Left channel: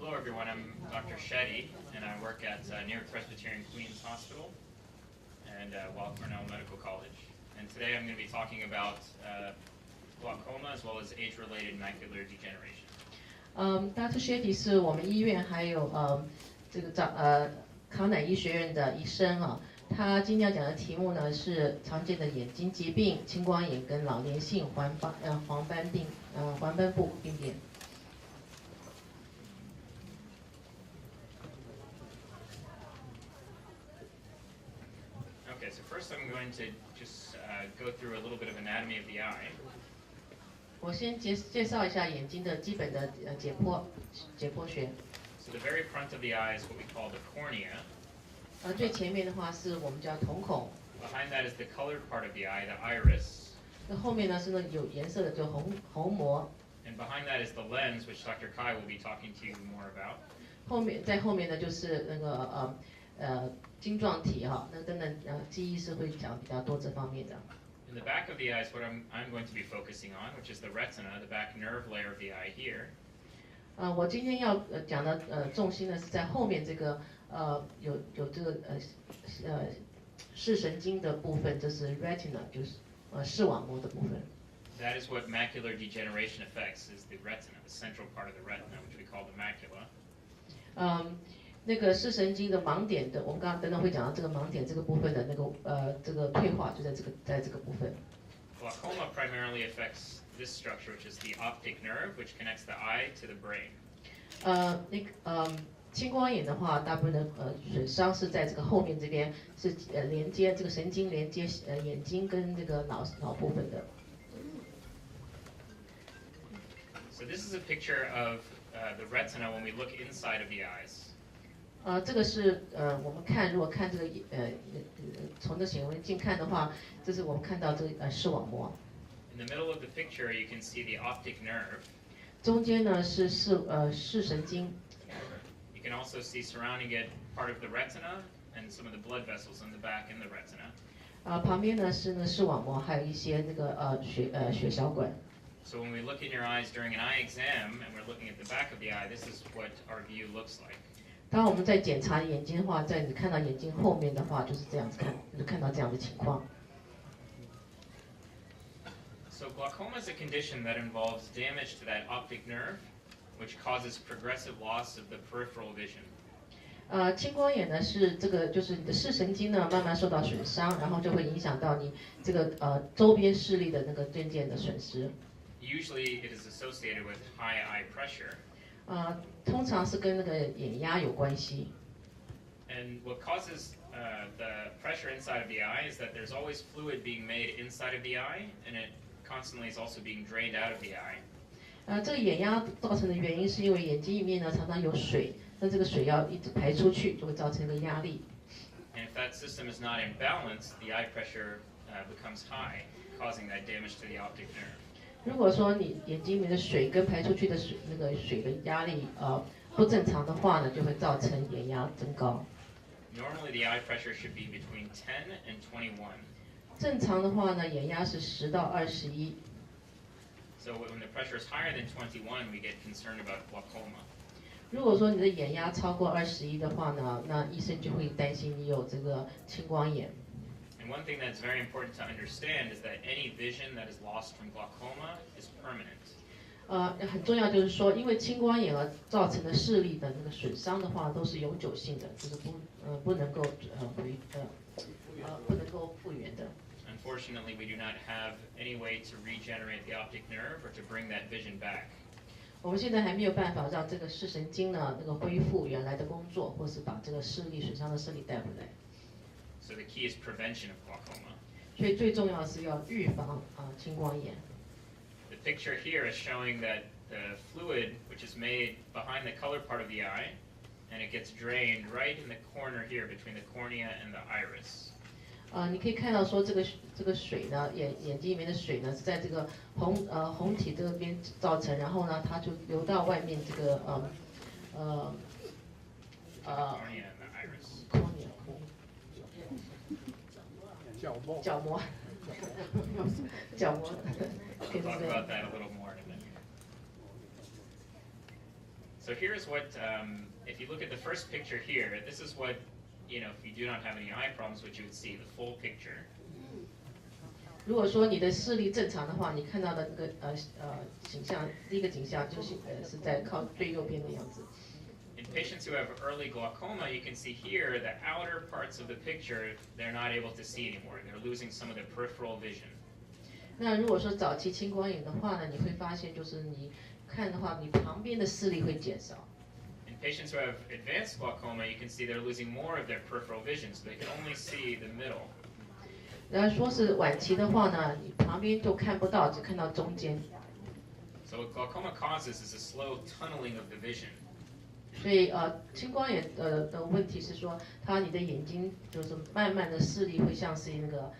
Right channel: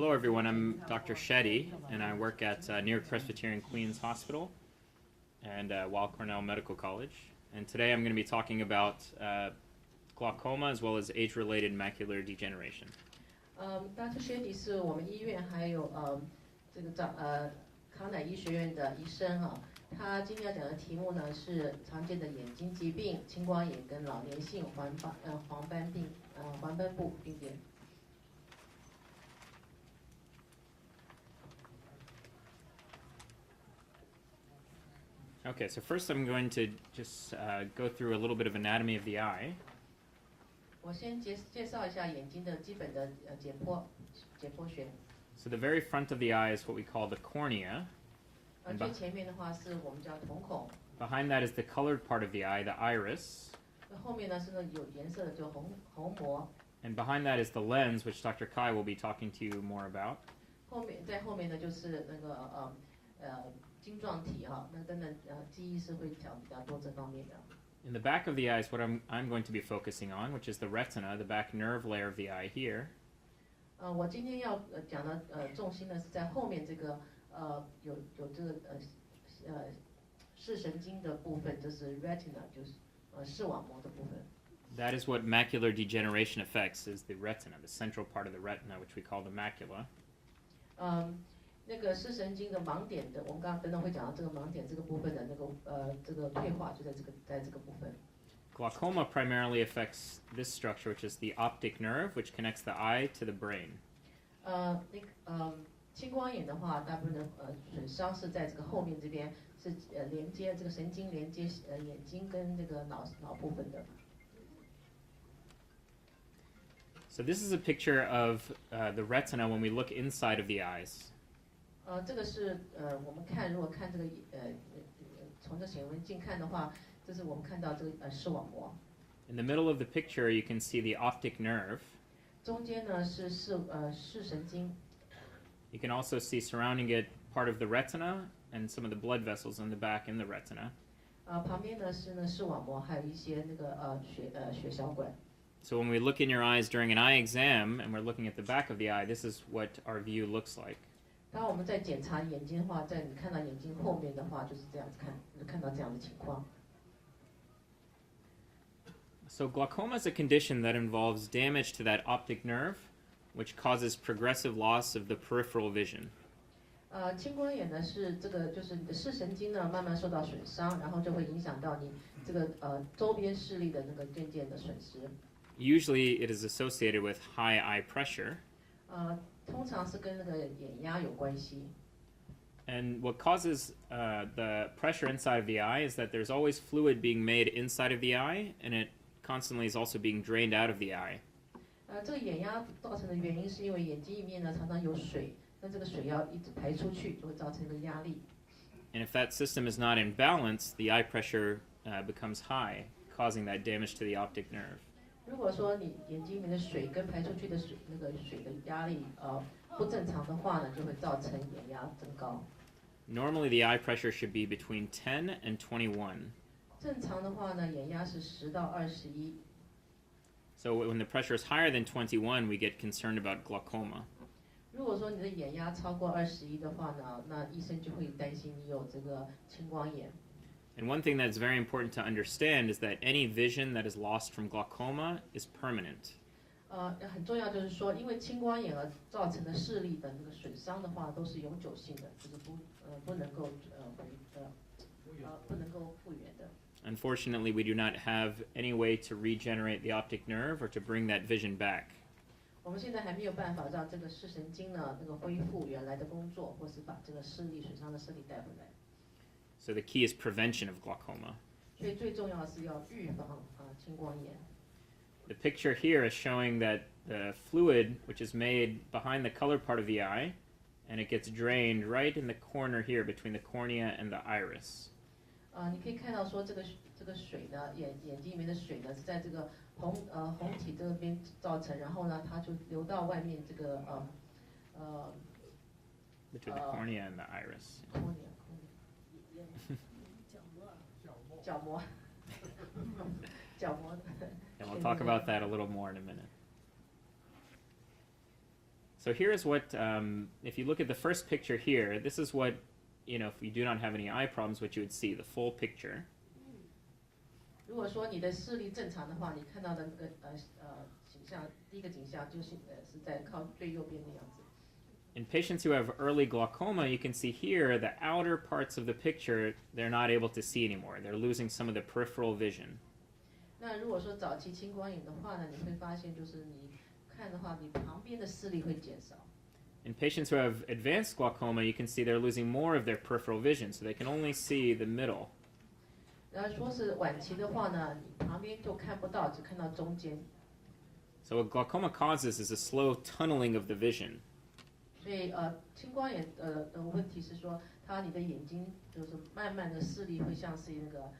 Hello everyone, I'm Dr. Shetty, and I work at New York Presbyterian Queens Hospital and Weill Cornell Medical College. And today I'm going to be talking about glaucoma as well as age-related macular degeneration. Dr. Shetty 是我们医院还有这个康乃医学院的医生啊。他今天要讲的题目呢是常见的眼睛疾病、青光眼跟老年性黄斑部病变。Okay, so first I'm going to just go through a little bit of anatomy of the eye. 我先介绍一下眼睛的基本的解剖学。So the very front of the eye is what we call the cornea. 最前面的话是我们叫瞳孔。Behind that is the colored part of the eye, the iris. 那后面呢是那有颜色的，就虹膜。And behind that is the lens, which Dr. Kai will be talking to you more about. 在后面呢就是那个晶状体哈，那等等记忆是会讲比较多这方面的。In the back of the eye is what I'm going to be focusing on, which is the retina, the back nerve layer of the eye here. 我今天要讲的重心呢是在后面这个有这个视神经的部分，就是 retina， 就是视网膜的部分。That is what macular degeneration affects, is the retina, the central part of the retina, which we call the macula. 那个视神经的盲点的，我们刚刚等等会讲到这个盲点这个部分的那个这个退化就在这个部分。Glaucoma primarily affects this structure, which is the optic nerve, which connects the eye to the brain. 青光眼的话，大部分的损伤是在这个后面这边，是连接这个神经连接眼睛跟这个脑部分的。So this is a picture of the retina when we look inside of the eyes. 这个是我们如果看这个从这显微镜看的话，这是我们看到这个视网膜。In the middle of the picture, you can see the optic nerve. 中间呢是视神经。You can also see surrounding it part of the retina and some of the blood vessels in the back in the retina. 旁边呢是视网膜，还有一些那个血小管。So when we look in your eyes during an eye exam and we're looking at the back of the eye, this is what our view looks like. 当我们在检查眼睛的话，在你看到眼睛后面的话，就是这样子就看到这样的情况。So glaucoma is a condition that involves damage to that optic nerve, which causes progressive loss of the peripheral vision. 青光眼呢是这个，就是你的视神经呢慢慢受到损伤，然后就会影响到你这个周边视力的那个渐渐的损失。Usually it is associated with high eye pressure. 通常是跟那个眼压有关系。And what causes the pressure inside of the eye is that there's always fluid being made inside of the eye, and it constantly is also being drained out of the eye. 这个眼压造成的原因是因为眼睛里面呢常常有水，那这个水要一直排出去，就会造成一个压力。And if that system is not in balance, the eye pressure becomes high, causing that damage to the optic nerve. 如果说你眼睛里面的水跟排出去的那个水的压力不正常的话呢，就会造成眼压增高。Normally the eye pressure should be between 10 and 21. 正常的话呢，眼压是10到21。So when the pressure is higher than 21, we get concerned about glaucoma. 如果说你的眼压超过21的话呢，那医生就会担心你有这个青光眼。And one thing that's very important to understand is that any vision that is lost from glaucoma is permanent. 很重要就是说，因为青光眼而造成的视力的那个损伤的话，都是永久性的，就是不能够复原的。Unfortunately, we do not have any way to regenerate the optic nerve or to bring that vision back. 我们现在还没有办法让这个视神经呢那个恢复原来的工作，或是把这个视力损伤的视力带回来。So the key is prevention of glaucoma. 所以最重要的是要预防青光眼。The picture here is showing that the fluid, which is made behind the colored part of the eye, and it gets drained right in the corner here between the cornea and the iris. 你可以看到说这个水呢，眼睛里面的水呢是在这个红体这边造成，然后呢它就流到外面这个cornea and the iris. 角膜。角膜。I'll talk about that a little more in a minute. So here's what, if you look at the first picture here, this is what, if you do not have any eye problems, what you would see, the full picture. 如果说你的视力正常的话，你看到的那个景象，第一个景象就是是在靠最右边的样子。In patients who have early glaucoma, you can see here the outer parts of the picture they're not able to see anymore. They're losing some of the peripheral vision. 那如果说早期青光眼的话呢，你会发现就是你看的话，你旁边的视力会减少。In patients who have advanced glaucoma, you can see they're losing more of their peripheral vision, so they can only see the middle. 然后说是晚期的话呢，你旁边就看不到，只看到中间。So what glaucoma causes is a slow tunneling of the vision. 所以青光眼的问题是说，你的眼睛就是慢慢的视力会像是那个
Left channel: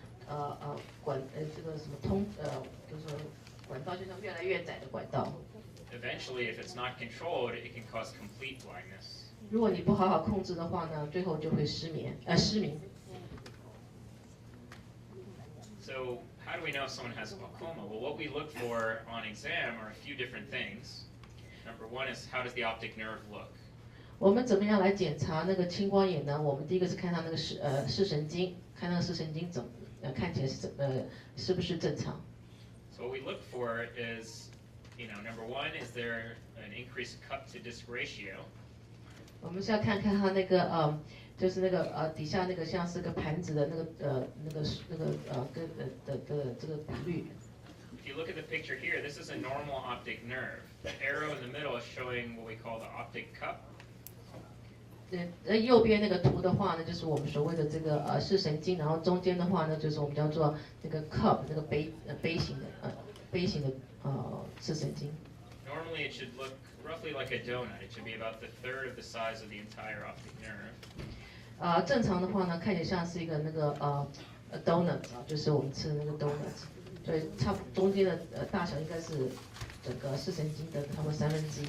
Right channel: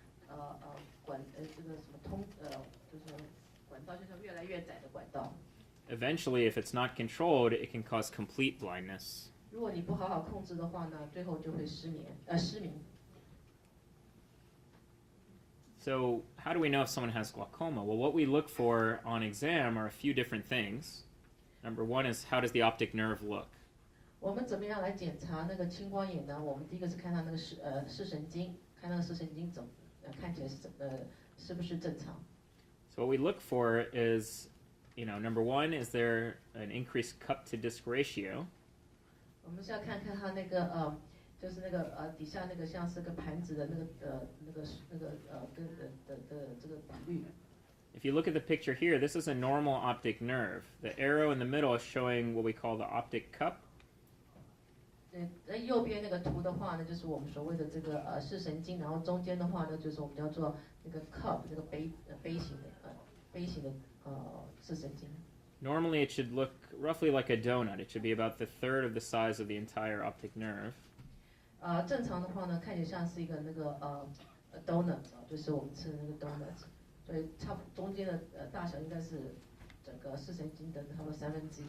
这个什么就是管道就像越来越窄的管道。Eventually, if it's not controlled, it can cause complete blindness. 如果你不好好控制的话呢，最后就会失明。So how do we know if someone has glaucoma? Well, what we look for on exam are a few different things. Number one is how does the optic nerve look? 我们怎么样来检查那个青光眼呢？我们第一个是看它那个视神经，看那个视神经看起来是不是正常。So what we look for is, number one, is there an increased cup to disc ratio? 我们是要看看它那个就是那个底下那个像是个盘子的这个比率。If you look at the picture here, this is a normal optic nerve. The arrow in the middle is showing what we call the optic cup. 右边那个图的话呢，就是我们所谓的这个视神经，然后中间的话呢，就是我们叫做那个 cup 那个杯形的视神经。Normally, it should look roughly like a donut. It should be about the third of the size of the entire optic nerve. 正常的话呢，看起来像是一个那个donut 就是我们吃的那个 donut， 所以差不多中间的大小应该是整个视神经的差不多1/3。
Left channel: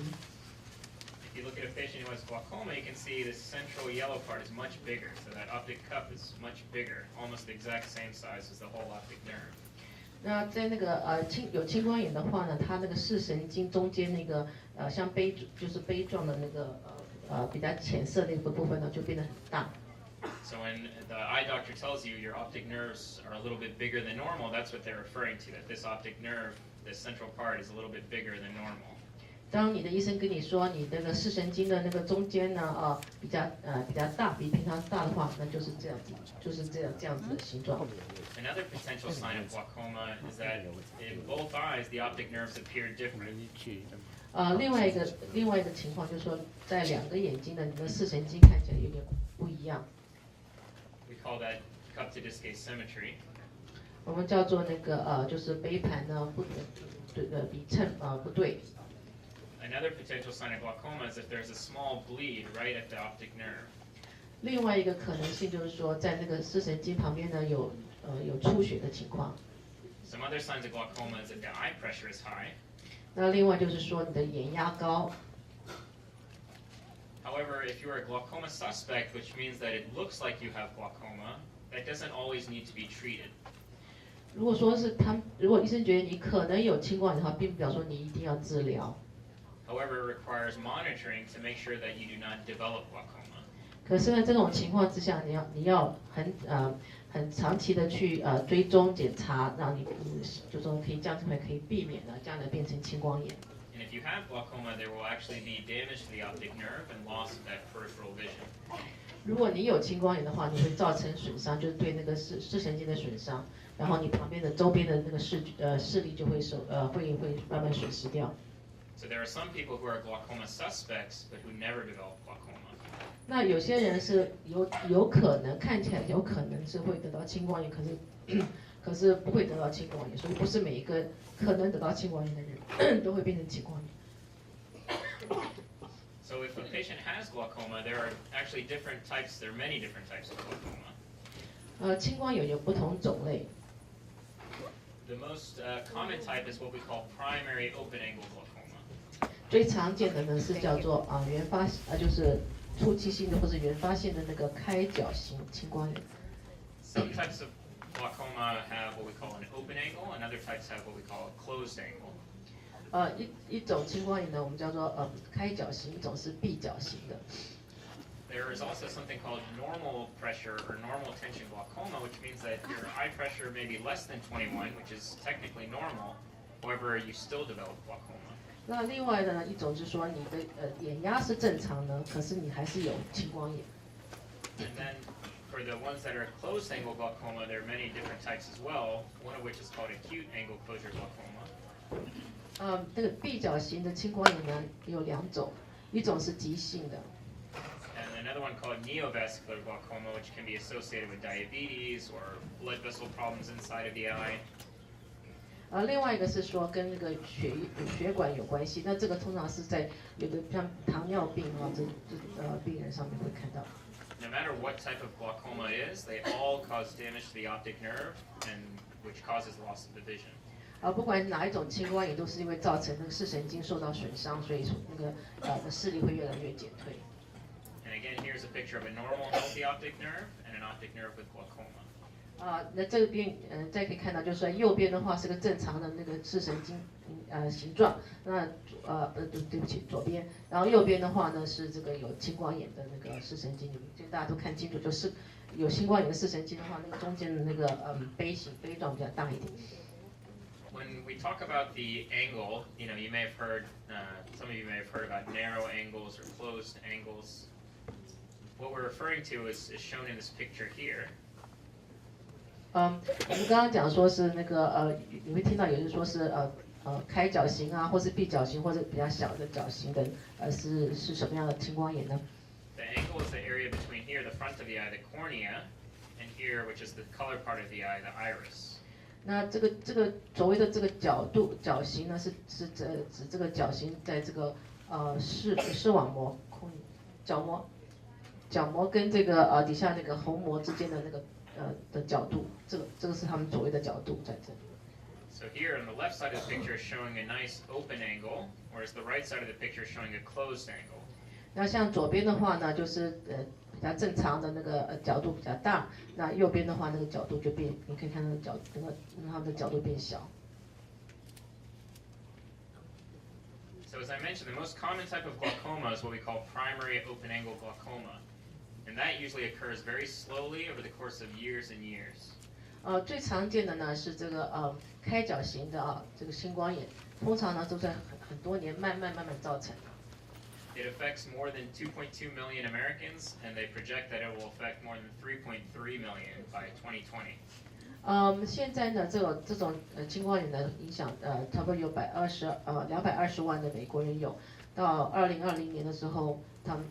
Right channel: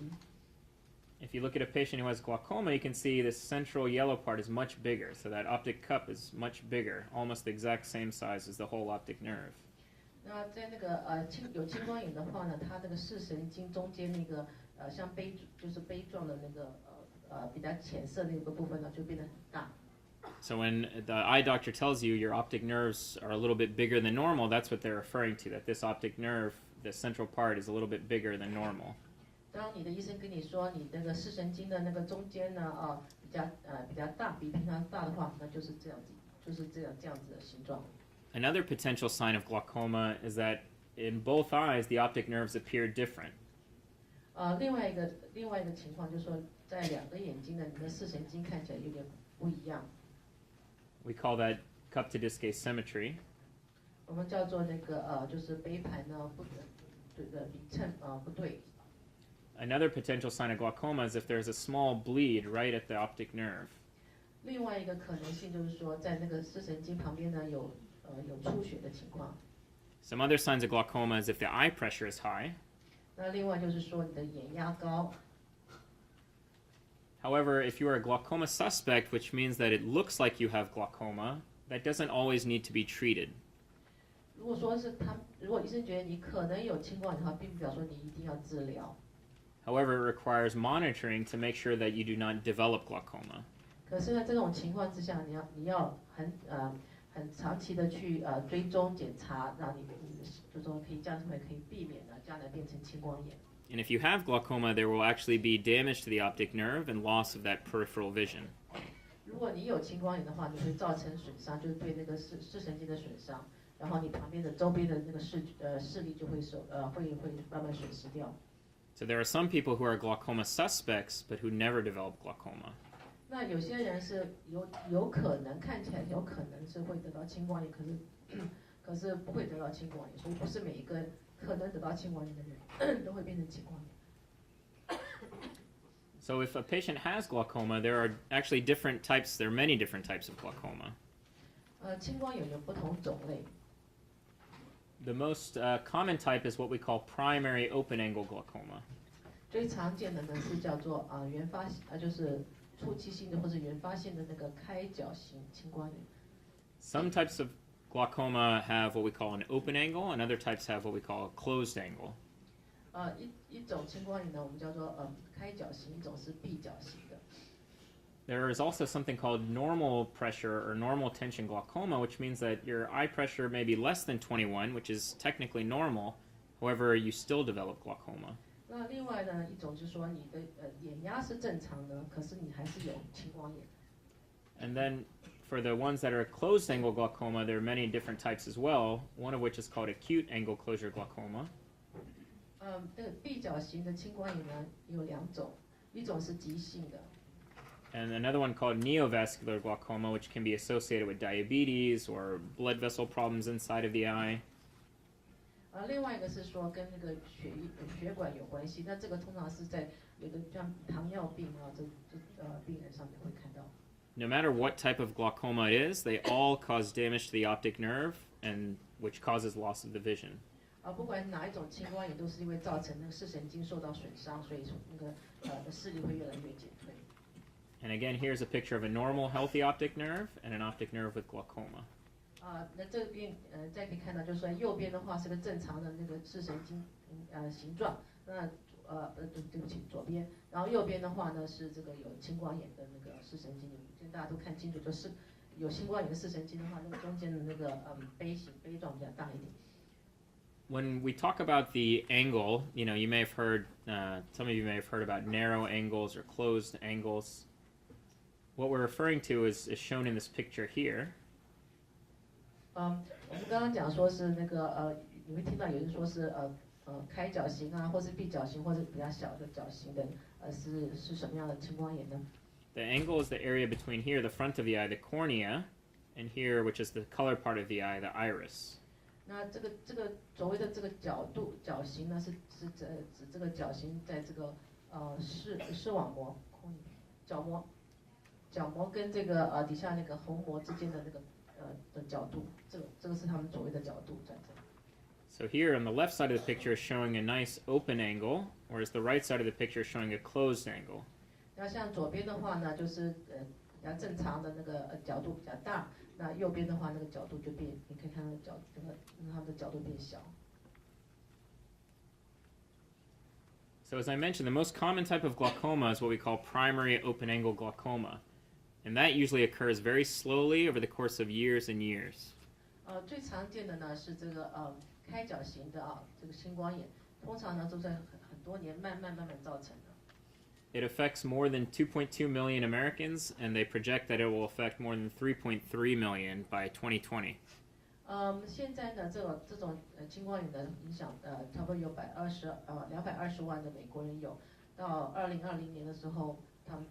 If you look at a patient who has glaucoma, you can see the central yellow part is much bigger. So that optic cup is much bigger, almost the exact same size as the whole optic nerve. 那在那个有青光眼的话呢，它那个视神经中间那个像就是杯状的那个比较浅色的一个部分呢，就变得很大。So when the eye doctor tells you your optic nerves are a little bit bigger than normal, that's what they're referring to, that this optic nerve, the central part, is a little bit bigger than normal. 当你的医生跟你说你那个视神经的那个中间呢比较大，比平常大的话，那就是这样子，就是这样子的形状。Another potential sign of glaucoma is that in both eyes the optic nerves appear different. 另外一个情况就是说，在两个眼睛的你的视神经看起来有点不一样。We call that cup to disc asymmetry. 我们叫做那个就是杯盘呢比称不对。Another potential sign of glaucoma is if there's a small bleed right at the optic nerve. 另外一个可能性就是说，在那个视神经旁边呢有出血的情况。Some other signs of glaucoma is if the eye pressure is high. 那另外就是说你的眼压高。However, if you are a glaucoma suspect, which means that it looks like you have glaucoma, that doesn't always need to be treated. 如果医生觉得你可能有青光眼的话，并不表示说你一定要治疗。However, it requires monitoring to make sure that you do not develop glaucoma. 可是呢，这种情况之下，你要很长期的去追踪检查，让你就说可以这样子可以避免呢，将来变成青光眼。And if you have glaucoma, there will actually be damage to the optic nerve and loss of that peripheral vision. 如果你有青光眼的话，你会造成损伤，就是对那个视神经的损伤，然后你旁边的周边的那个视力就会会慢慢损失掉。So there are some people who are glaucoma suspects, but who never develop glaucoma. 那有些人是有可能看起来有可能是会得到青光眼，可是不会得到青光眼，所以不是每一个可能得到青光眼的人都会变成青光眼。So if a patient has glaucoma, there are actually different types. There are many different types of glaucoma. 青光眼有不同种类。The most common type is what we call primary open-angle glaucoma. 最常见的呢是叫做原发就是初期性的或者原发性的那个开角型青光眼。Some types of glaucoma have what we call an open angle, and other types have what we call a closed angle. 一种青光眼呢，我们叫做开角型，一种是闭角型的。There is also something called normal pressure or normal tension glaucoma, which means that your eye pressure may be less than 21, which is technically normal. However, you still develop glaucoma. 那另外的呢，一种就是说你的眼压是正常的，可是你还是有青光眼。And then for the ones that are closed angle glaucoma, there are many different types as well, one of which is called acute angle closure glaucoma. 这个闭角型的青光眼呢有两种，一种是急性的。And another one called neovascular glaucoma, which can be associated with diabetes or blood vessel problems inside of the eye. 另外一个是说跟那个血管有关系，那这个通常是在有的像糖尿病病人上面会看到。No matter what type of glaucoma it is, they all cause damage to the optic nerve, and which causes loss of the vision. 不管哪一种青光眼，都是因为造成那个视神经受到损伤，所以那个视力会越来越减退。And again, here's a picture of a normal, healthy optic nerve and an optic nerve with glaucoma. 那这边再可以看到，就是说右边的话是个正常的那个视神经形状，那对不起，左边，然后右边的话呢是这个有青光眼的那个视神经，就大家都看清楚，就是有青光眼的视神经的话，那个中间的那个杯状比较大一点。When we talk about the angle, you may have heard, some of you may have heard about narrow angles or closed angles. What we're referring to is shown in this picture here. 我们刚刚讲说是那个你会听到有人说是开角型啊，或是闭角型，或者比较小的角型的，是什么样的青光眼呢？ The angle is the area between here, the front of the eye, the cornea, and here, which is the color part of the eye, the iris. 那这个所谓的这个角型呢，是指这个角型在这个视网膜角膜跟这个底下那个虹膜之间的那个的角度，这个是他们所谓的角度在这里。So here on the left side of the picture is showing a nice open angle, whereas the right side of the picture is showing a closed angle. 那像左边的话呢，就是比较正常的那个角度比较大，那右边的话那个角度就变，你可以看到它的角度变小。So as I mentioned, the most common type of glaucoma is what we call primary open-angle glaucoma, and that usually occurs very slowly over the course of years and years. 最常见的呢是这个开角型的这个青光眼，通常呢都在很多年慢慢造成的。It affects more than 2.2 million Americans, and they project that it will affect more than 3.3 million by 2020. 现在呢，这种青光眼的影响，差不多有220万的美国人有，到2020年的时候，他们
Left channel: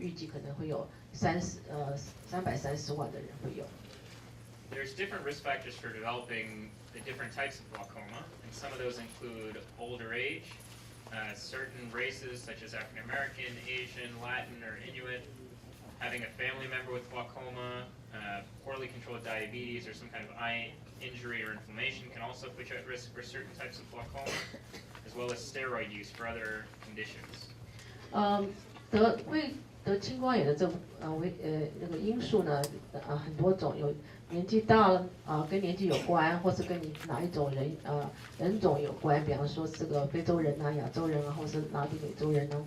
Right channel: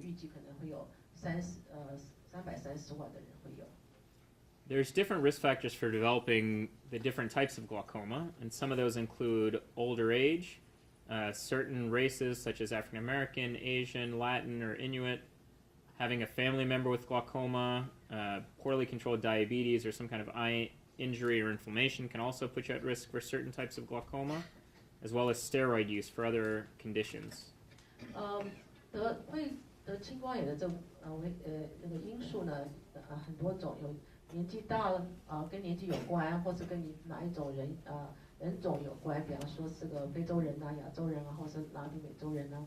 预计可能会有330万的人会有。There's different risk factors for developing the different types of glaucoma, and some of those include older age, certain races such as African American, Asian, Latin, or Inuit, having a family member with glaucoma, poorly controlled diabetes, or some kind of eye injury or inflammation can also put you at risk for certain types of glaucoma, as well as steroid use for other conditions. 得青光眼的那个因素呢，很多种，有年纪大了跟年纪有关，或是跟你哪一种人种有关，比方说这个非洲人啊、亚洲人啊，或是拉丁美洲人啊，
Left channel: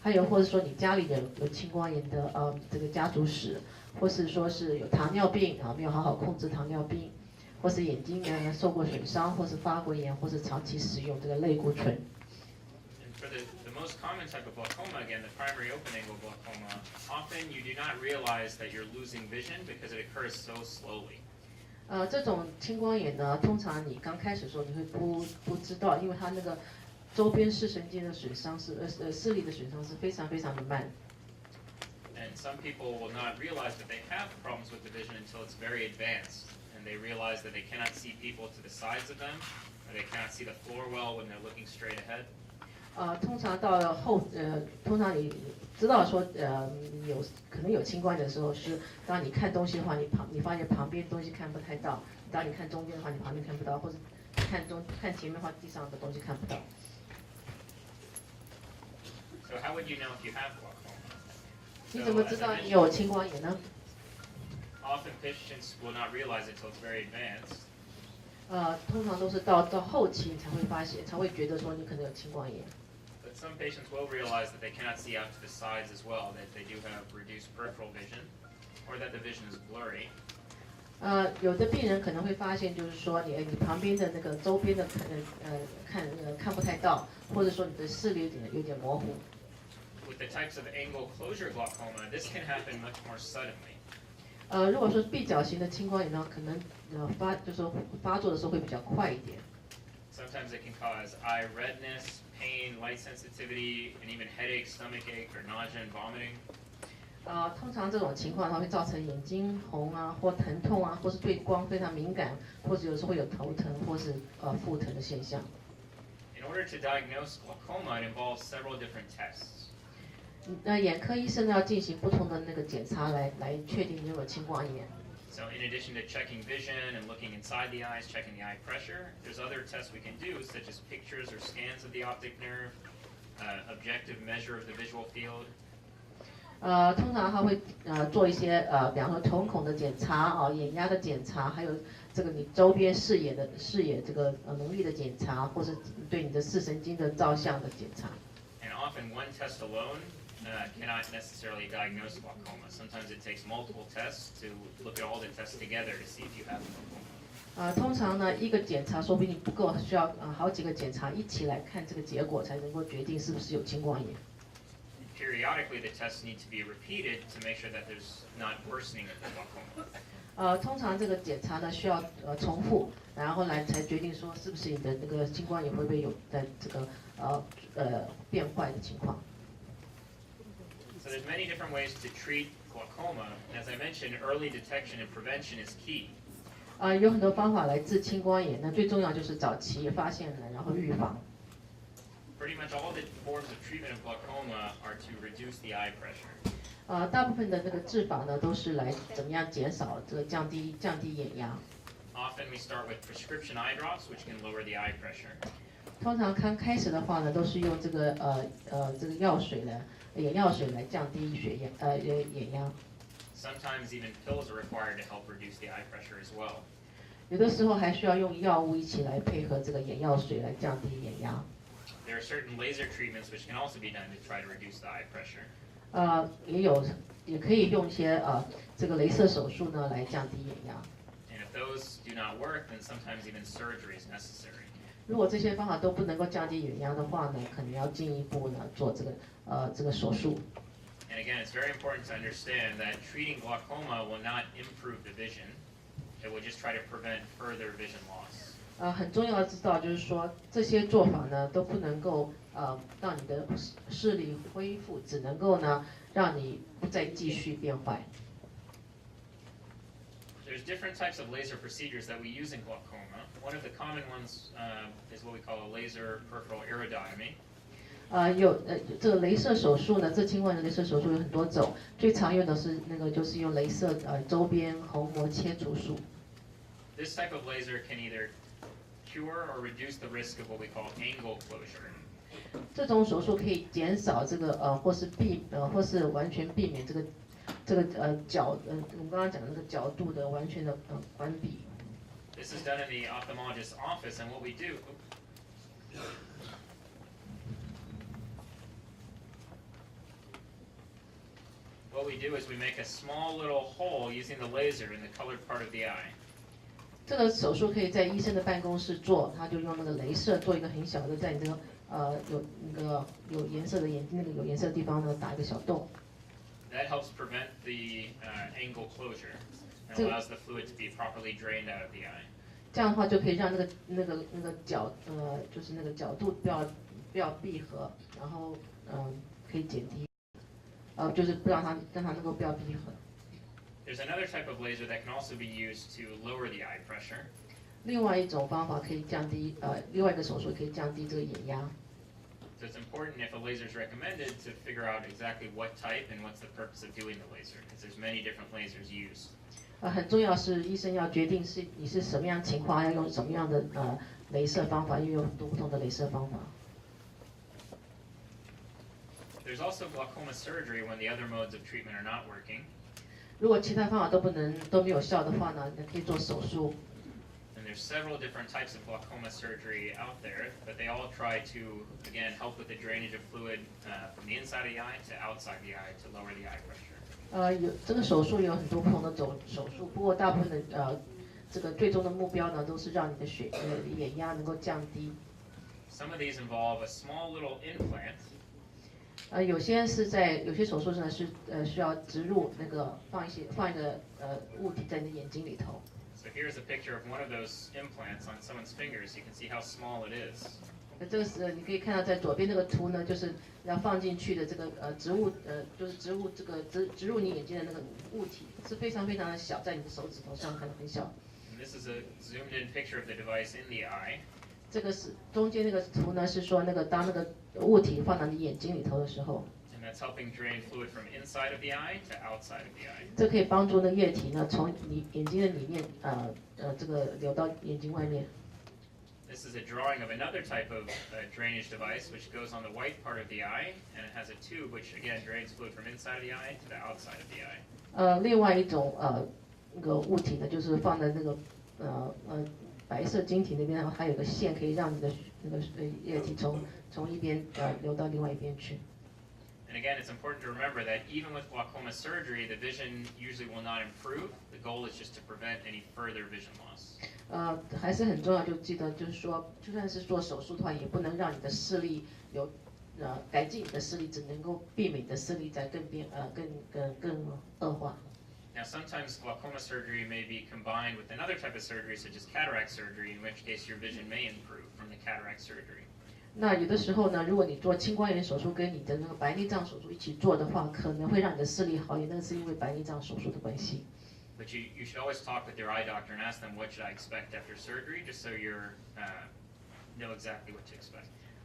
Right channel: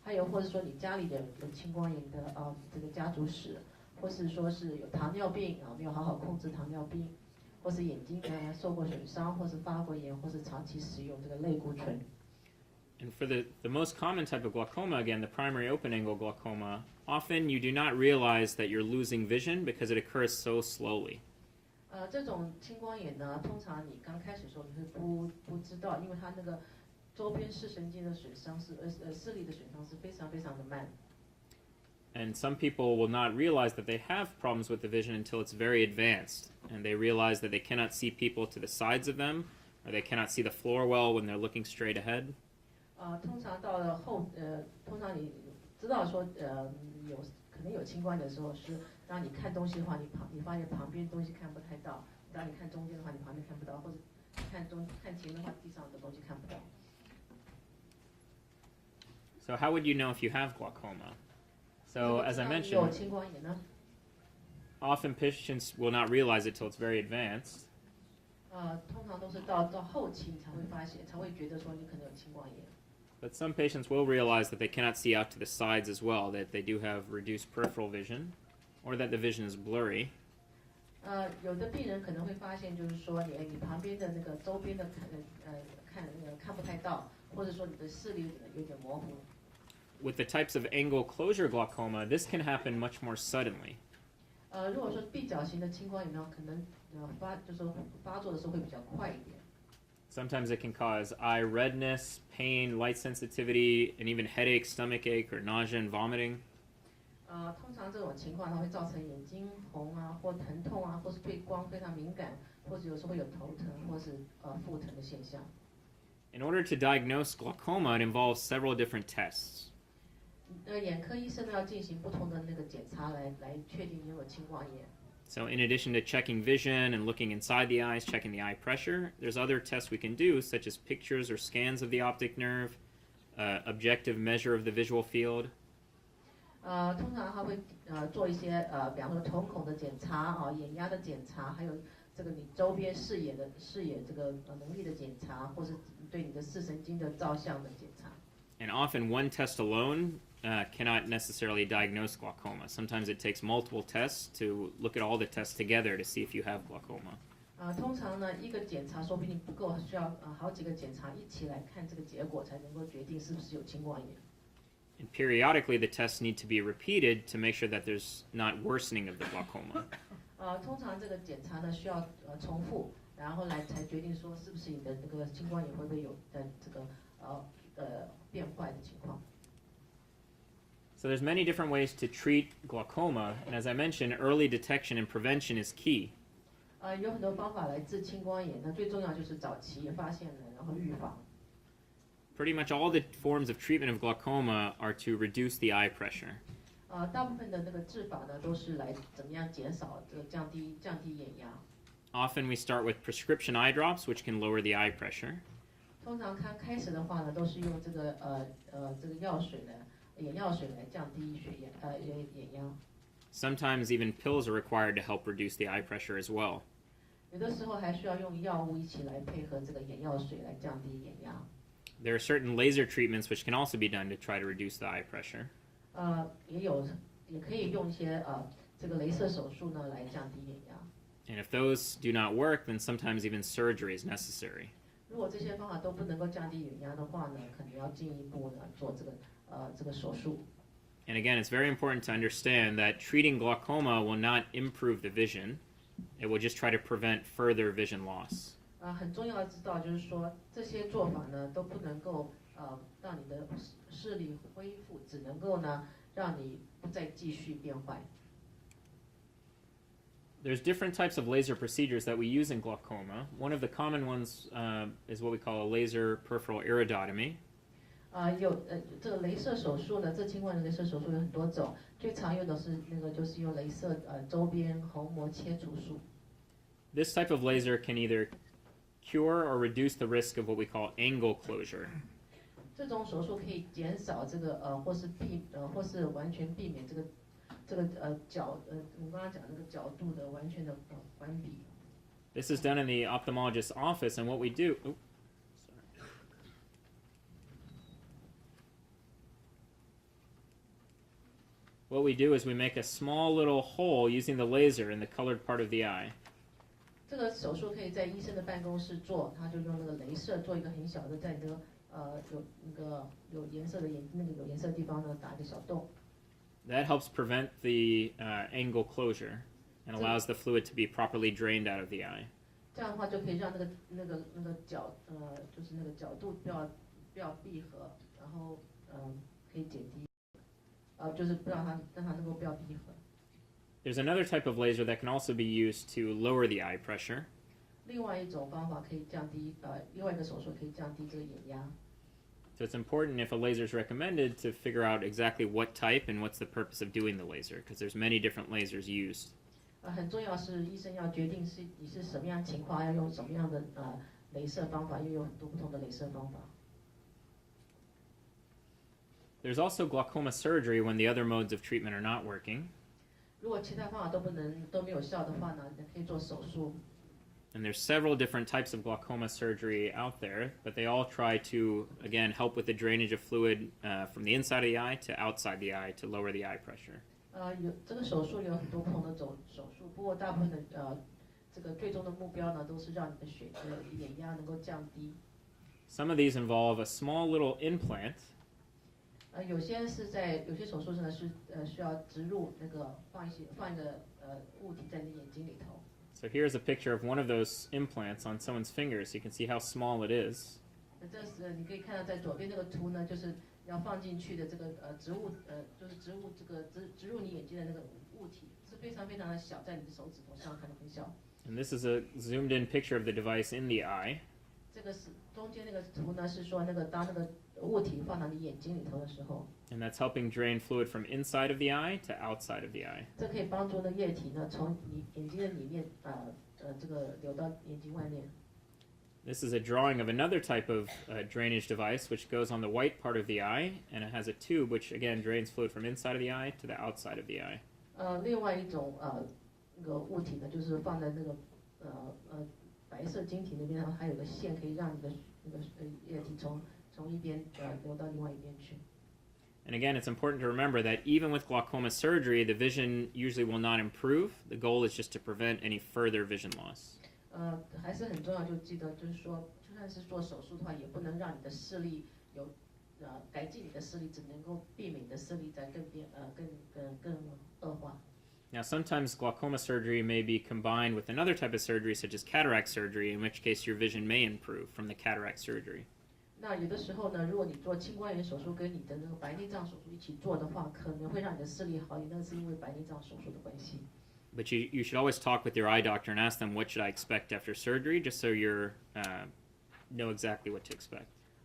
还有或者说你家里有青光眼的这个家族史，或是说是有糖尿病没有好好控制糖尿病，或是眼睛呢受过损伤，或是发过炎，或是长期使用这个类固醇。For the most common type of glaucoma, again, the primary open-angle glaucoma, often you do not realize that you're losing vision because it occurs so slowly. 这种青光眼呢，通常你刚开始的时候你会不知道，因为它那个周边视神经的损伤视力的损伤是非常的慢。And some people will not realize that they have problems with the vision until it's very advanced, and they realize that they cannot see people to the sides of them, or they cannot see the floor well when they're looking straight ahead. 通常到了通常你知道说可能有青光眼的时候，是当你看东西的话，你发现旁边东西看不太到；当你看中间的话，你旁边看不到，或者看前面的话，地上的东西看不到。So how would you know if you have glaucoma? 你怎么知道你有青光眼呢？ Often patients will not realize it till it's very advanced. 通常都是到后期你才会发现，才会觉得说你可能有青光眼。But some patients will realize that they cannot see out to the sides as well, that they do have reduced peripheral vision, or that the vision is blurry. 有的病人可能会发现，就是说你旁边的那个周边的看不太到，或者说你的视力有点模糊。With the types of angle closure glaucoma, this can happen much more suddenly. 如果说闭角型的青光眼呢，可能发作的时候会比较快一点。Sometimes it can cause eye redness, pain, light sensitivity, and even headache, stomach ache, or nausea and vomiting. 通常这种情况它会造成眼睛红啊，或疼痛啊，或是对光非常敏感，或者有时候会有头疼或是腹疼的现象。In order to diagnose glaucoma, it involves several different tests. 眼科医生呢要进行不同的那个检查来确定你有没有青光眼。So in addition to checking vision and looking inside the eyes, checking the eye pressure, there's other tests we can do, such as pictures or scans of the optic nerve, objective measure of the visual field. 通常他会做一些比方说瞳孔的检查眼压的检查，还有这个你周边视野这个能力的检查，或是对你的视神经的照相的检查。And often one test alone cannot necessarily diagnose glaucoma. Sometimes it takes multiple tests to look at all the tests together to see if you have glaucoma. 通常呢一个检查说不定不够，需要好几个检查一起来看这个结果，才能够决定是不是有青光眼。And periodically, the tests need to be repeated to make sure that there's not worsening of the glaucoma. 通常这个检查呢需要重复，然后来才决定说是不是你的那个青光眼会不会有在这个变坏的情况。So there's many different ways to treat glaucoma, and as I mentioned, early detection and prevention is key. 有很多方法来治青光眼，那最重要就是早期发现然后预防。Pretty much all the forms of treatment of glaucoma are to reduce the eye pressure. 大部分的那个治法呢，都是来怎么样减少这个降低眼压。Often we start with prescription eye drops, which can lower the eye pressure. 通常刚开始的话呢，都是用这个眼药水来降低眼压。Sometimes even pills are required to help reduce the eye pressure as well. 有的时候还需要用药物一起来配合这个眼药水来降低眼压。There are certain laser treatments which can also be done to try to reduce the eye pressure. 也可以用一些这个雷射手术呢来降低眼压。And if those do not work, then sometimes even surgery is necessary. 如果这些方法都不能够降低眼压的话呢，可能要进一步呢做这个手术。And again, it's very important to understand that treating glaucoma will not improve the vision. It will just try to prevent further vision loss. 很重要的知道就是说，这些做法呢都不能够让你的视力恢复，只能够呢让你不再继续变坏。There's different types of laser procedures that we use in glaucoma. One of the common ones is what we call a laser peripheral iridotomy. 这个雷射手术呢，这青光眼的雷射手术有很多种，最常用的是就是用雷射周边虹膜切除术。This type of laser can either cure or reduce the risk of what we call angle closure. 这种手术可以减少这个或是完全避免这个我们刚刚讲的这个角度的完全的关闭。This is done in the ophthalmologist's office, and what we do. What we do is we make a small little hole using the laser in the colored part of the eye. 这个手术可以在医生的办公室做，他就用那个雷射做一个很小的，在你这个有颜色的眼睛有颜色的地方呢打一个小洞。That helps prevent the angle closure and allows the fluid to be properly drained out of the eye. 这样的话就可以让那个就是那个角度不要闭合，然后可以减低，就是不让它能够不要闭合。There's another type of laser that can also be used to lower the eye pressure. 另外一种方法可以降低另外一个手术可以降低这个眼压。So it's important if a laser is recommended to figure out exactly what type and what's the purpose of doing the laser, because there's many different lasers used. 很重要是医生要决定你是什么样情况，要用什么样的雷射方法，因为有很多不同的雷射方法。There's also glaucoma surgery when the other modes of treatment are not working. 如果其他方法都没有效的话呢，你可以做手术。And there's several different types of glaucoma surgery out there, but they all try to, again, help with the drainage of fluid from the inside of the eye to outside the eye to lower the eye pressure. 这个手术有很多不同的手术，不过大部分的这个最终的目标呢，都是让你的眼压能够降低。Some of these involve a small little implant. 有些手术呢是需要植入那个放一个物体在你的眼睛里头。So here's a picture of one of those implants on someone's fingers. You can see how small it is. 这个是你可以看到在左边这个图呢，就是要放进去的这个就是植入你眼睛的那个物体是非常非常的小，在你的手指头上很小。And this is a zoomed-in picture of the device in the eye. 这个是中间那个图呢，是说当那个物体放到你眼睛里头的时候。And that's helping drain fluid from inside of the eye to outside of the eye. 这可以帮助那液体呢从你眼睛的里面这个流到眼睛外面。This is a drawing of another type of drainage device which goes on the white part of the eye, and it has a tube which again drains fluid from inside of the eye to the outside of the eye. 另外一种那个物体呢，就是放在那个白色晶体那边，然后还有个线可以让你的那个液体从一边流到另外一边去。And again, it's important to remember that even with glaucoma surgery, the vision usually will not improve. The goal is just to prevent any further vision loss. 还是很重要，就记得就是说，就算是做手术的话，也不能让你的视力改进你的视力，只能够避免你的视力在更恶化。Now, sometimes glaucoma surgery may be combined with another type of surgery, such as cataract surgery, in which case your vision may improve from the cataract surgery. 那有的时候呢，如果你做青光眼手术跟你的那个白内障手术一起做的话，可能会让你的视力好一点，那是因为白内障手术的关系。But you should always talk with your eye doctor and ask them what should I expect after surgery, just so you know exactly what to expect.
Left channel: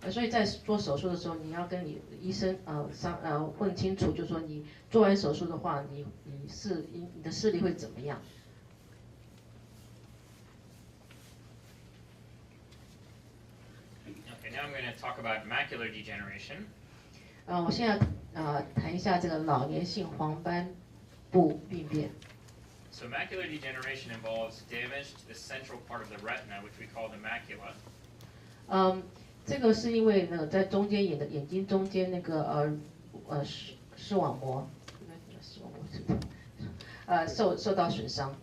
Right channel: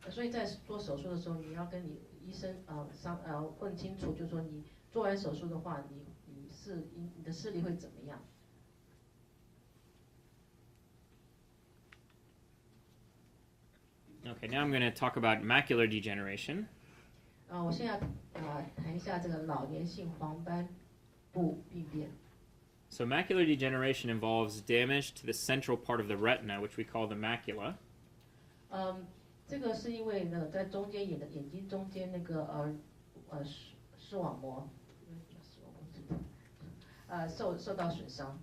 所以在做手术的时候，你要跟你医生问清楚，就是说你做完手术的话，你的视力会怎么样？Okay, now I'm going to talk about macular degeneration. 我现在谈一下这个老年性黄斑部病变。So macular degeneration involves damage to the central part of the retina, which we call the macula. 这个是因为呢，在中间眼睛中间那个视网膜受到损伤。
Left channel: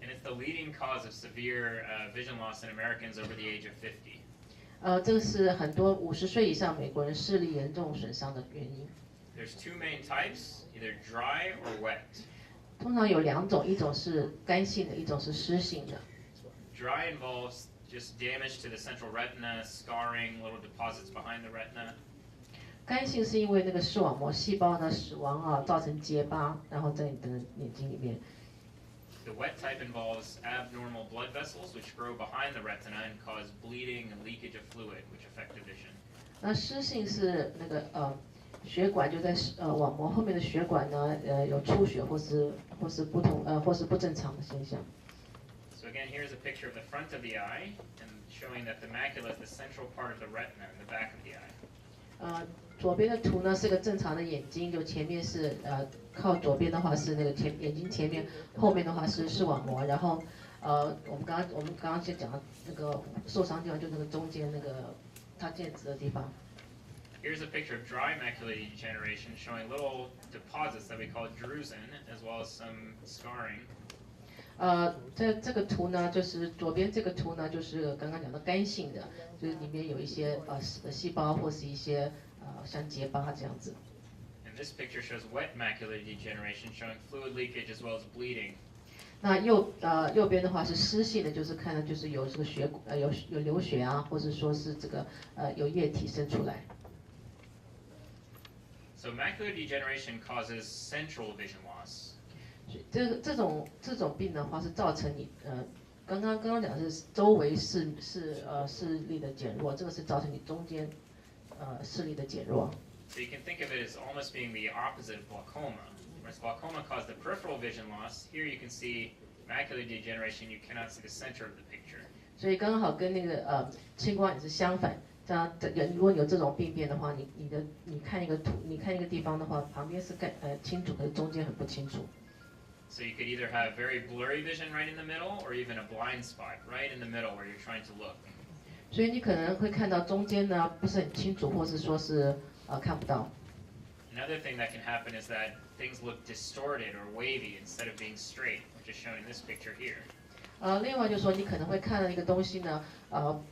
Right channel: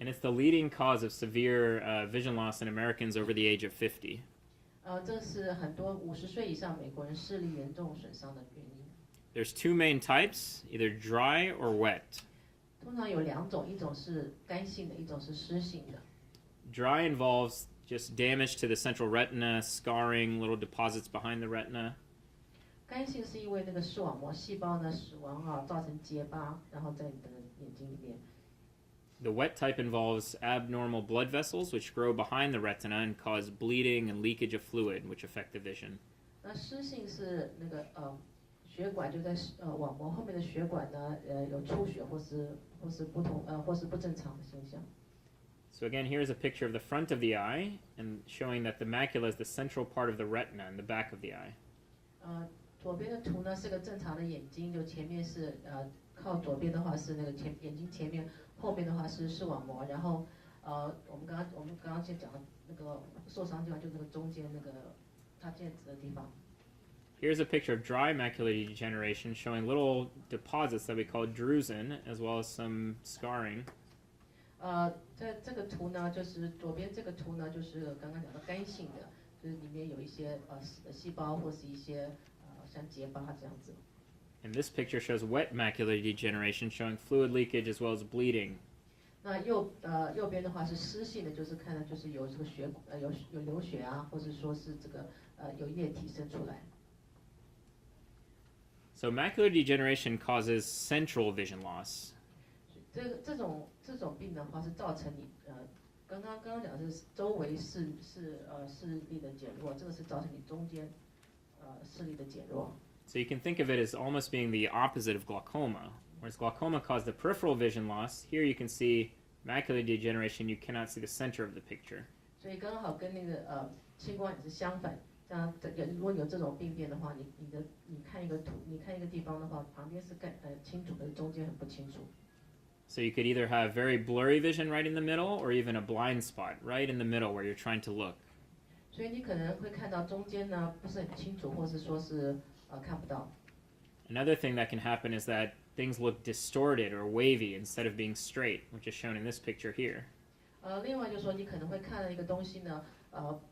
And it's the leading cause of severe vision loss in Americans over the age of 50. 这是很多50岁以上美国人视力严重损伤的原因。There's two main types, either dry or wet. 通常有两种，一种是干性的，一种是湿性的。Dry involves just damage to the central retina, scarring, little deposits behind the retina. 干性是因为那个视网膜细胞呢死亡造成结疤，然后在你的眼睛里面。The wet type involves abnormal blood vessels which grow behind the retina and cause bleeding and leakage of fluid, which affect the vision. 那湿性是那个血管就在网膜后面的血管呢有出血或是不正常的现象。So again, here's a picture of the front of the eye, and showing that the macula is the central part of the retina in the back of the eye. 左边的图呢是个正常的眼睛，就前面是靠左边的话是那个眼睛前面，后面的话是视网膜，然后我们刚刚就讲那个受伤地方就那个中间那个它剑指的地方。Here's a picture of dry macular degeneration showing little deposits that we call drusen, as well as some scarring. 这个图呢，就是左边这个图呢，就是刚刚讲的干性的，就是里面有一些细胞或是一些像结疤这样子。And this picture shows wet macular degeneration, showing fluid leakage as well as bleeding. 那右边的话是湿性的，就是看的就是有这个有流血啊，或者说是这个有液体渗出来。So macular degeneration causes central vision loss. 这种病的话是造成你刚刚讲的是周围视力的减弱，这个是造成你中间视力的减弱。So you can think of it as almost being the opposite of glaucoma. Whereas glaucoma caused the peripheral vision loss, here you can see macular degeneration, you cannot see the center of the picture. 所以刚好跟那个青光眼是相反。如果有这种病变的话，你看一个图，你看一个地方的话，旁边是清楚，可是中间很不清楚。So you could either have very blurry vision right in the middle, or even a blind spot right in the middle where you're trying to look. 所以你可能会看到中间呢不是很清楚，或是说是看不到。Another thing that can happen is that things look distorted or wavy instead of being straight, which is shown in this picture here. 另外就是说你可能会看到一个东西呢，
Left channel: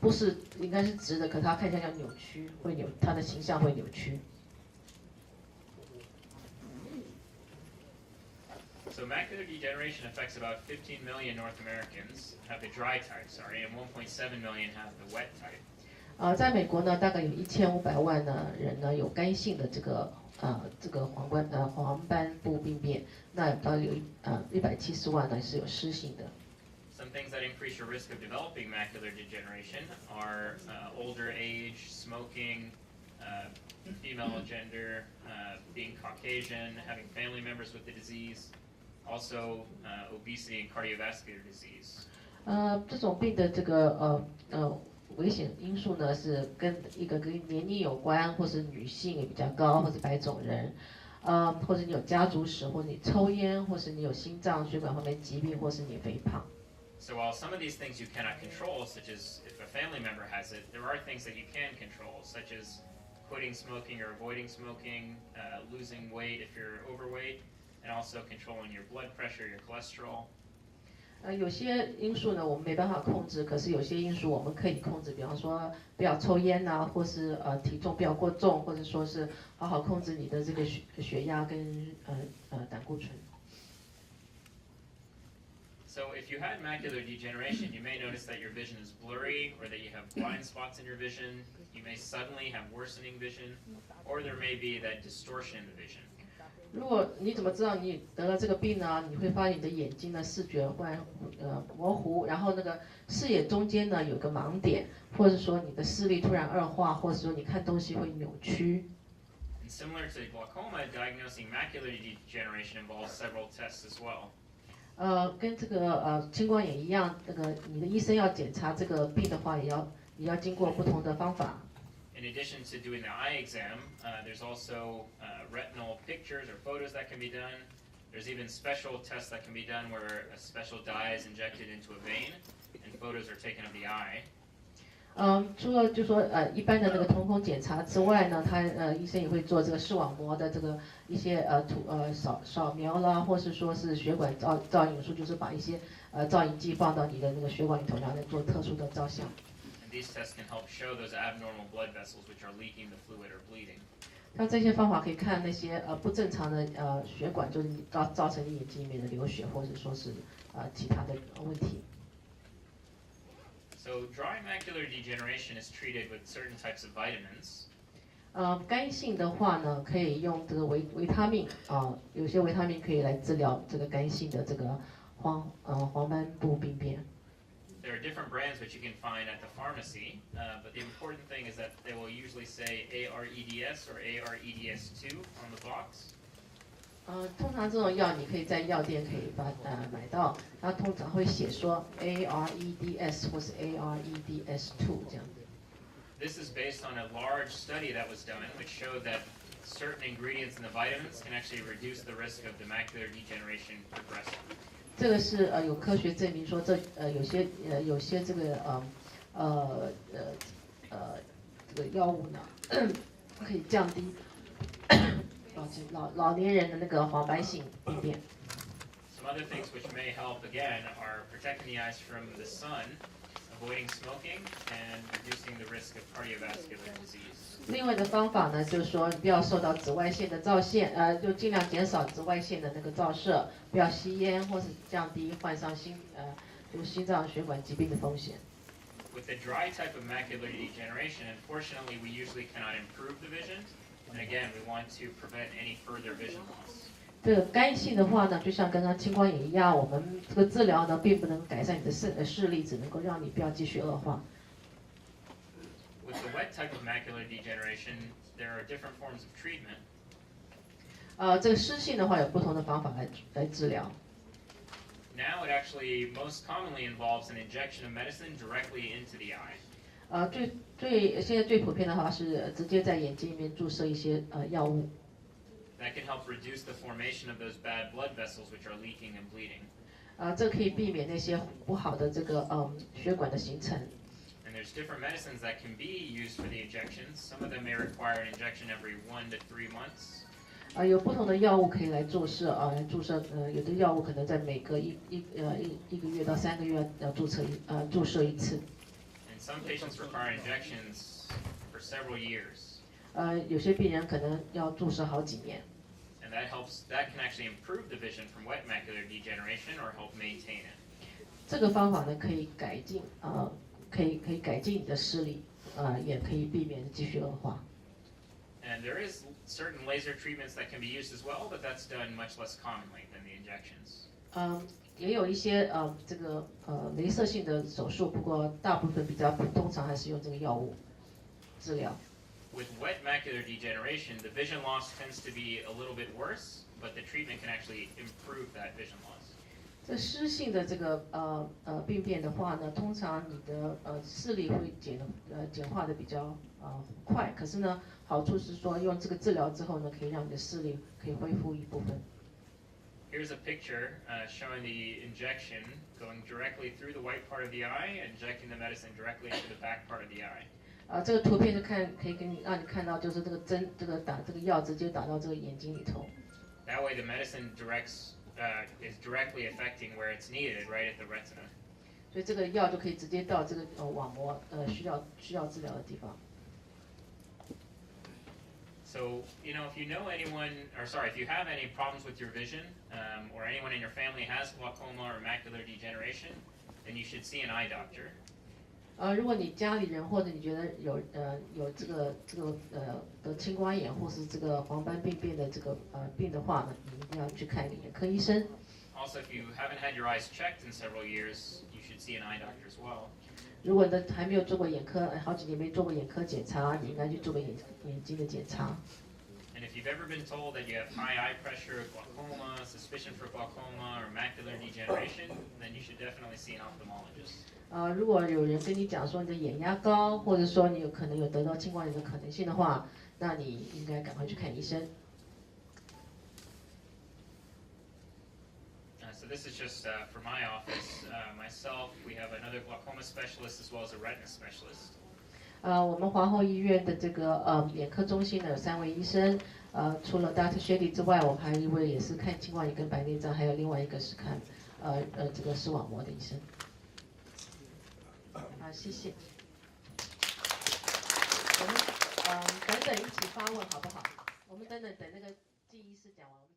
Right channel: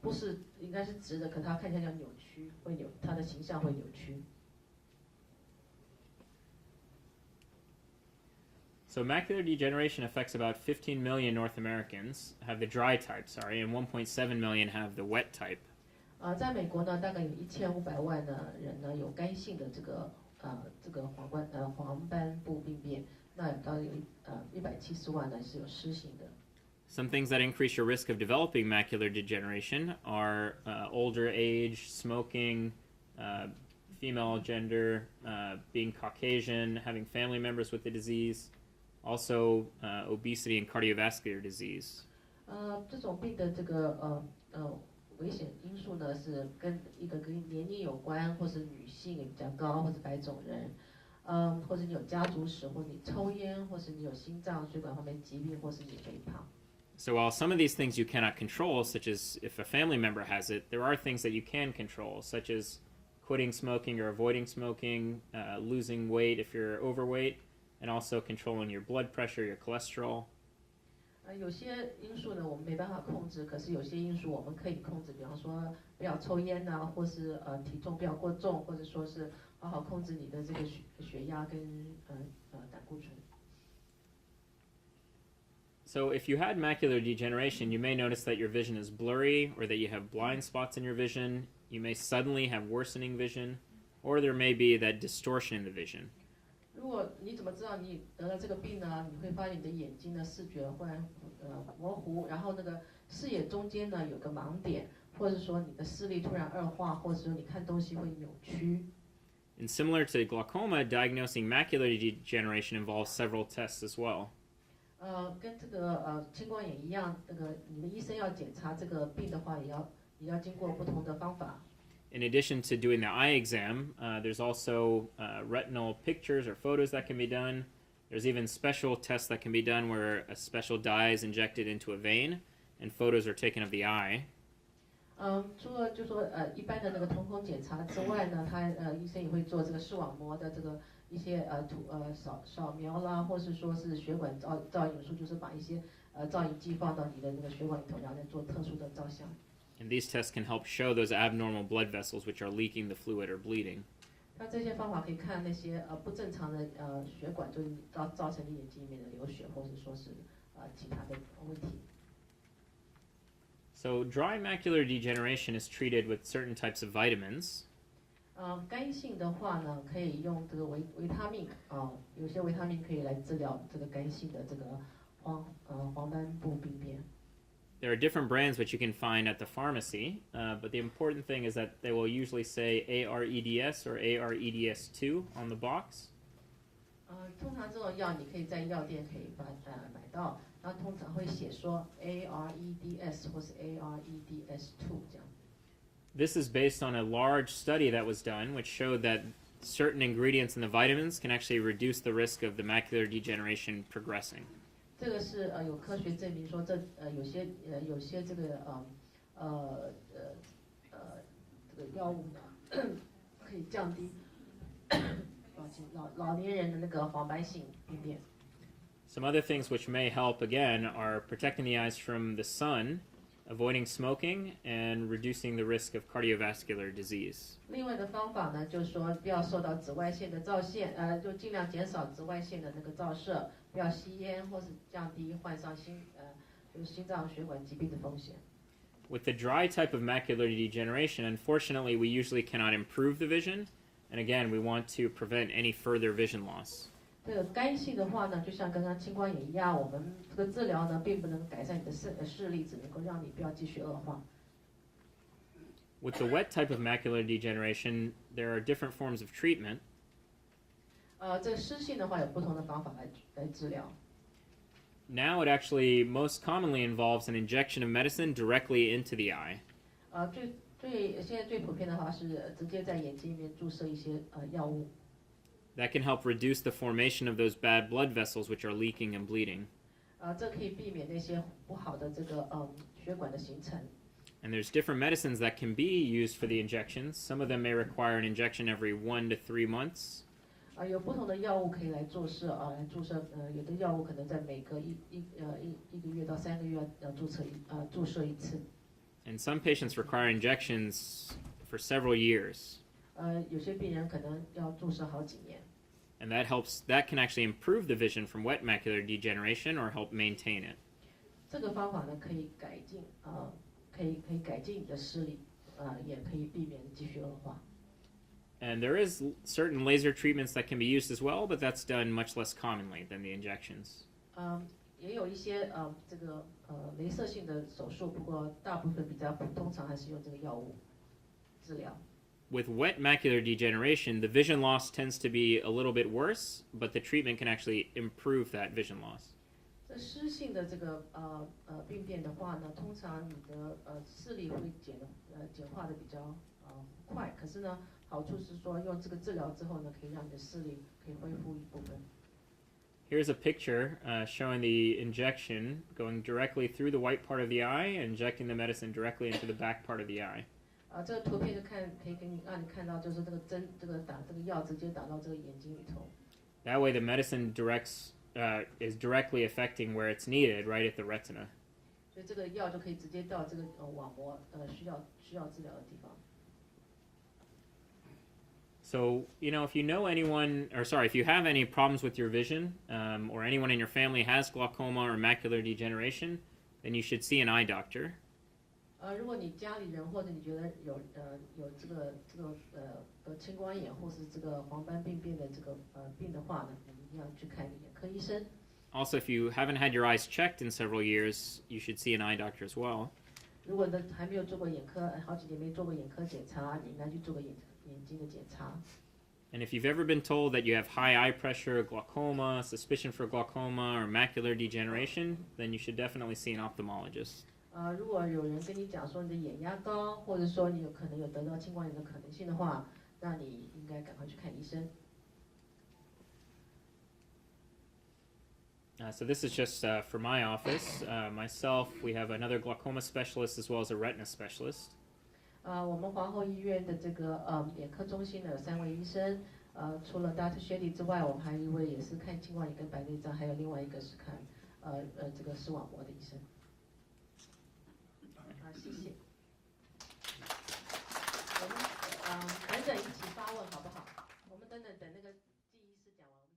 不是应该是直的，可是它看起来像扭曲，它的形象会扭曲。So macular degeneration affects about 15 million North Americans have the dry type, and 1.7 million have the wet type. 在美国呢，大概有1500万的人呢有干性的这个黄斑部病变，那到有170万呢是有湿性的。Some things that increase your risk of developing macular degeneration are older age, smoking, female gender, being Caucasian, having family members with the disease, also obesity and cardiovascular disease. 这种病的这个危险因素呢是跟年龄有关，或是女性也比较高，或者白种人，或者你有家族史，或者你抽烟，或是你有心脏血管方面疾病，或是你肥胖。So while some of these things you cannot control, such as if a family member has it, there are things that you can control, such as quitting smoking or avoiding smoking, losing weight if you're overweight, and also controlling your blood pressure, your cholesterol. 有些因素呢我们没办法控制，可是有些因素我们可以控制，比方说不要抽烟啊，或是体重不要过重，或者说是好好控制你的这个血压跟胆固醇。So if you had macular degeneration, you may notice that your vision is blurry, or that you have blind spots in your vision. You may suddenly have worsening vision, or there may be that distortion in the vision. 如果你怎么知道你得了这个病呢？你会发现你的眼睛呢视觉会模糊，然后那个视野中间呢有个盲点，或者说你的视力突然恶化，或者说你看东西会扭曲。And similar to glaucoma, diagnosing macular degeneration involves several tests as well. 跟这个青光眼一样，你的医生要检查这个病的话，也要经过不同的方法。In addition to doing the eye exam, there's also retinal pictures or photos that can be done. There's even special tests that can be done where a special dye is injected into a vein and photos are taken of the eye. 除了就说一般的那个瞳孔检查之外呢，医生也会做这个视网膜的这个一些扫描啦，或是说是血管造影术，就是把一些造影剂放到你的那个血管里头，然后再做特殊的照相。And these tests can help show those abnormal blood vessels which are leaking the fluid or bleeding. 像这些方法可以看那些不正常的血管，就是造成你眼睛里面的流血，或者说是其他的问题。So dry macular degeneration is treated with certain types of vitamins. 干性的话呢，可以用这个维他命有些维他命可以来治疗这个干性的这个黄斑部病变。There are different brands which you can find at the pharmacy, but the important thing is that they will usually say AREDS or AREDS2 on the box. 通常这种药你可以在药店可以买到，它通常会写说 AREDS 或是 AREDS2 这样子。This is based on a large study that was done, which showed that certain ingredients in the vitamins can actually reduce the risk of the macular degeneration progressing. 这个是有科学证明说有些这个这个药物呢可以降低老年人的那个黄斑性病变。Some other things which may help again are protecting the eyes from the sun, avoiding smoking, and reducing the risk of cardiovascular disease. 另外的方法呢，就是说不要受到紫外线的照线，就尽量减少紫外线的那个照射，不要吸烟，或是降低患上就是心脏血管疾病的风险。With the dry type of macular degeneration, unfortunately, we usually cannot improve the vision, and again, we want to prevent any further vision loss. 这个干性的话呢，就像刚刚青光眼一样，我们这个治疗呢，并不能改善你的视力，只能够让你不要继续恶化。With the wet type of macular degeneration, there are different forms of treatment. 这个湿性的话有不同的方法来治疗。Now it actually most commonly involves an injection of medicine directly into the eye. 现在最普遍的话是直接在眼睛里面注射一些药物。that can help reduce the formation of those bad blood vessels which are leaking and bleeding. 这可以避免那些不好的这个血管的形成。And there's different medicines that can be used for the injections. Some of them may require an injection every 1 to 3 months. 有不同的药物可以来注射来注射有的药物可能在每隔一个月到3个月要注射一次。And some patients require injections for several years. 有些病人可能要注射好几年。And that can actually improve the vision from wet macular degeneration or help maintain it. 这个方法呢可以改进可以改进你的视力也可以避免继续恶化。And there is certain laser treatments that can be used as well, but that's done much less commonly than the injections. 也有一些这个雷射性的手术，不过大部分通常还是用这个药物治疗。With wet macular degeneration, the vision loss tends to be a little bit worse, but the treatment can actually improve that vision loss. 这湿性的这个病变的话呢，通常你的视力会简化的比较快，可是呢，好处是说用这个治疗之后呢，可以让你的视力可以恢复一部分。Here's a picture showing the injection going directly through the white part of the eye and injecting the medicine directly into the back part of the eye. 这个图片就可以让你看到，就是这个针，打这个药直接打到这个眼睛里头。That way, the medicine is directly affecting where it's needed, right at the retina. 所以这个药就可以直接到这个网膜需要治疗的地方。So, if you know if you have any problems with your vision, or anyone in your family has glaucoma or macular degeneration, then you should see an eye doctor. 如果你家里人或者你觉得有这个得青光眼或是这个黄斑病变的这个病的话呢，你一定要去看一个眼科医生。Also, if you haven't had your eyes checked in several years, you should see an eye doctor as well. 如果你还没有做过眼科，好几年没做过眼科检查，你应该去做个眼睛的检查。And if you've ever been told that you have high eye pressure, glaucoma, suspicion for glaucoma, or macular degeneration, then you should definitely see an ophthalmologist. 如果有人跟你讲说你的眼压高，或者说你可能有得到青光眼的可能性的话，那你应该赶快去看医生。So this is just for my office. Myself, we have another glaucoma specialist as well as a retina specialist. 我们皇后医院的这个眼科中心呢有3位医生，除了 Dr. Shetty 之外，我们还有一位也是看青光眼跟白内障，还有另外一个是看这个视网膜的医生。谢谢。我们等等一起发问好不好？我们等那个记医师讲完。